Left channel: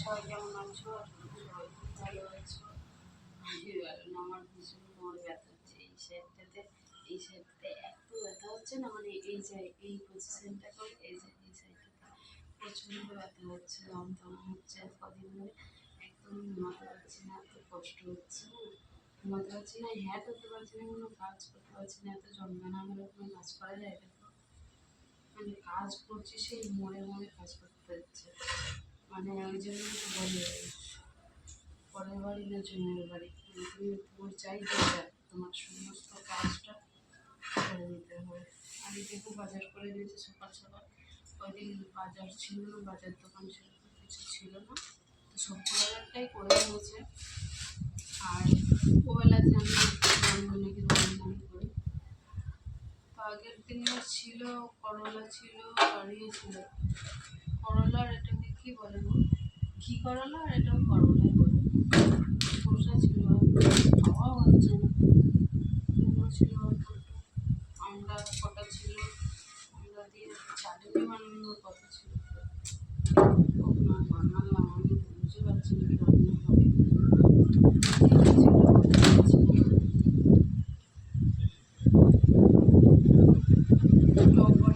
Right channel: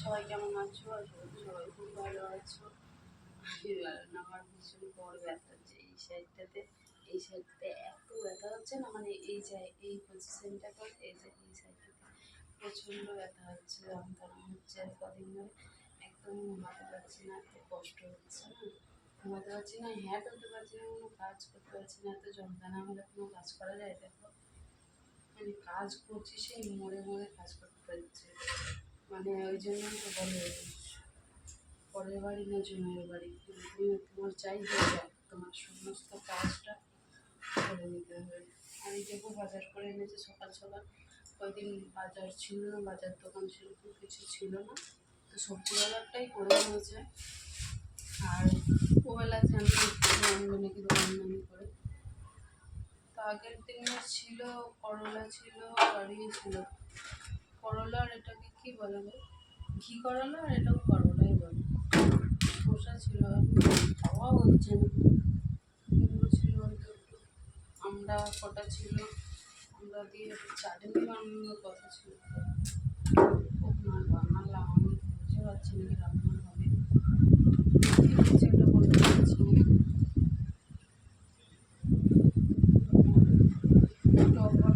সবাই কেমন আছো? সবাই খুব ভালো আছো। আমার ভীষণ বড় ব্যথা হচ্ছে এই সাইডটাতে এই সাইডটাতে এত ব্যথা হচ্ছে না মানে এই যে এই পজিশনটা করে এই যে এই সাইডটাতে প্রচণ্ড ব্যথা হচ্ছে যন্ত্রণা হচ্ছে কদিন ধরে একদম ঘুমাতে পারছি না এত কষ্ট হচ্ছে না ঘুমাতে পারছি না হ্যাঁ করতে পারছি না কোনো কাজ করতে পারছি না এত যন্ত্রণা হলে কোনো কাজ করা যায় দেখো মানে কাজ করছি, সেই মোড়ে মোড়ে কাজ করতে হচ্ছে। মানে ওই জন্যই তো বলে পরের বাড়ি না জমের বাড়ি? তুমি তোমার চাই তোমার সমস্ত কাজটা করে নিতে হয় আমি দেখো বাজার করে এনেছি সকাল সকাল। কয়দিন বাজার ছিল না, বাজার দোকান সেরকম কিছু ছিল না। তো সবজি বাজারটাই করে নিয়েছে আর ওবেলা জানি আনবে নাকি দোকান করে। তো আগের দিনে ছিল, করলা ছিল আর ইয়ে ছিল। করলার এটাকে কি বলে ঘি করলা আর এটাও করলাই বলে। শসা ছিল খাওয়াও হচ্ছে না। কুমড়ো ছিল অল্প আমরা কটা ছিল? আমরা দিয়ে চাটনি বানানোর কথা ছিল। আর বানালাম, আমি বুঝতে পারছি না কি রান্না হবে। না টক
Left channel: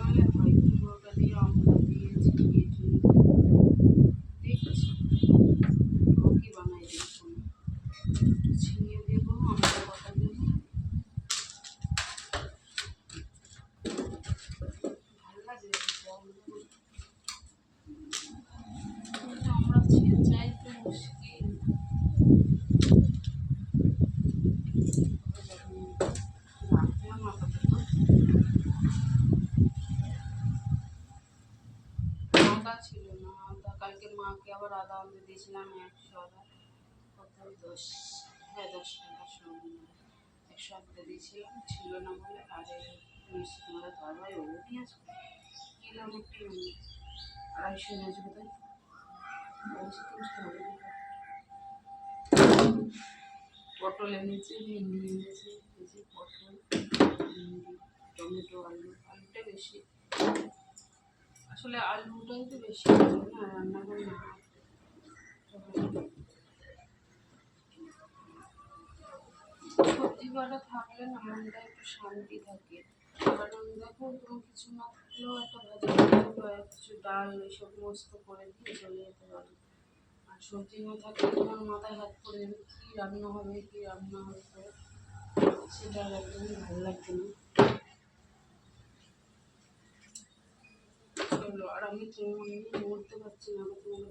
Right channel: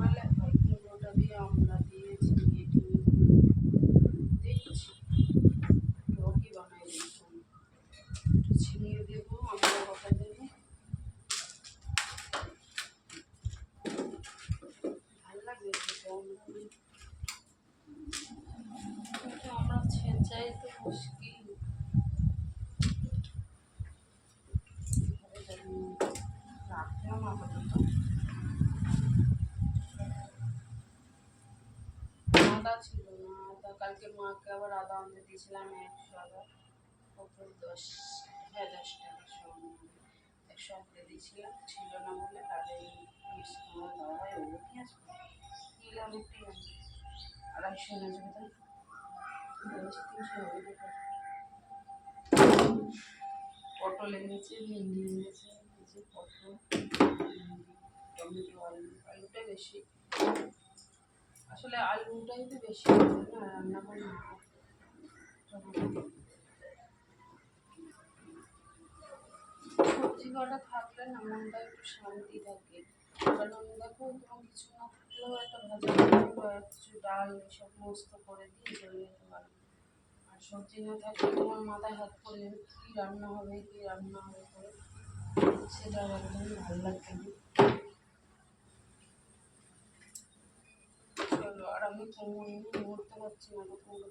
আমরা ছেঁচাই তো মুশকিল। রাখলাম আপাতত। আদা ছিল না, আদা। কালকে মাকে আবার আদা আনতে দিয়েছিলাম একশো আদা। কত দশ হ্যাঁ দশ টাকা সব একশো আনতে দিয়েছিলাম, ছিল না বলে এই মিষ্টি আমাদের দাদা ভাই ওগুলো নিয়ে আসবে। আড়াইশো এনে আসবে তাই তিনশো পটল এনেছে ভেন্ডি এনেছে এই পটল টমেটো আলু আলুটাই বেশি আসলে আলুটাই তো বেশি না রান্না করে সবজি কটা থাকলে না, মনটা একটু শান্তি থাকে। কারণ দেখো, কোনো কিছু না থাকলেও একটা ভাজা কিছু ডাল এসব মস্ত করে দিয়ে চলে যেতে পারে। আর সবজি না থাকলে তোমার মাথায় হাত পড়ে কী রান্না হবে, কী রান্না হবে করে? সেটা একদমই ভালো লাগছে না। চলো, আর আমি কেমন নড়তে পারছি না তোমাকে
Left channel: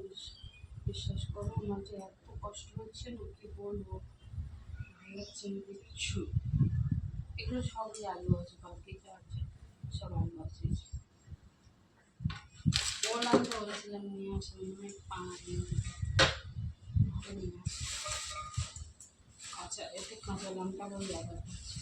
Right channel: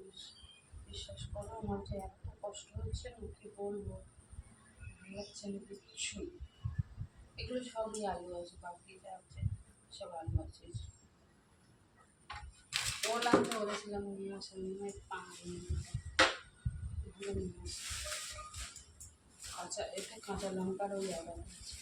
বিশ্বাস করো, আমার যে এত কষ্ট হচ্ছে না, কি বলব? ভালো লাগছে না কিচ্ছু। এগুলো সবই আলু আছে যা আছে, সব আলু আছে। বললাম তো, বলেছিলাম নিয়ে মনে নিয়ে পানি নিয়ে আসো। আচ্ছা এতে কাঁচা লঙ্কারও আদা আছে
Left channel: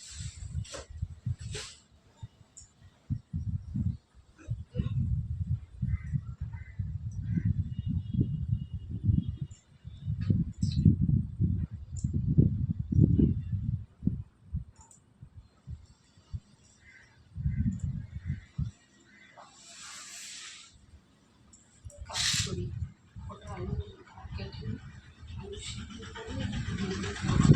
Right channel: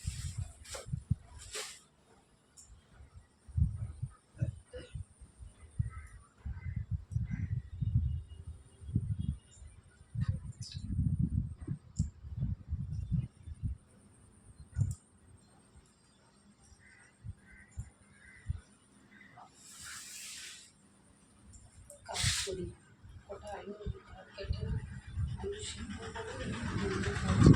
কাজ করি ওটা আলু ভাত কেটে নিই, আলু সিদ্ধ করে ভেন্ডি ভাজি।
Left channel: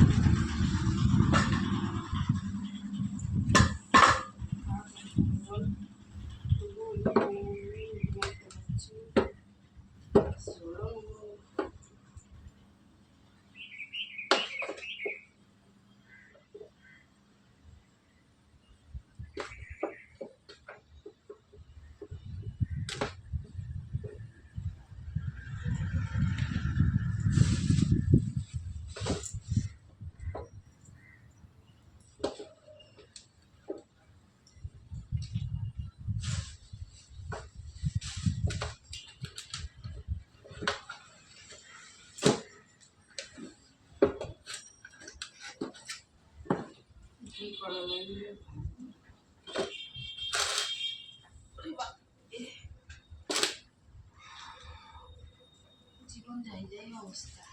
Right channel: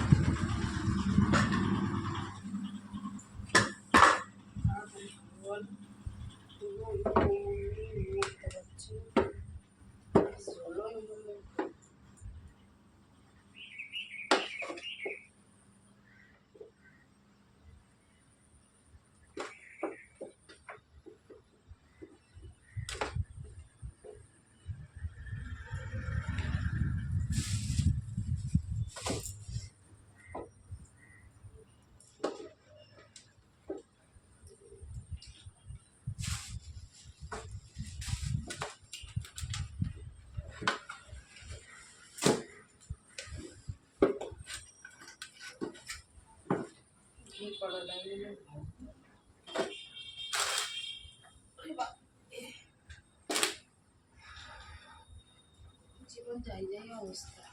জীবন যাই যাই অবস্থা।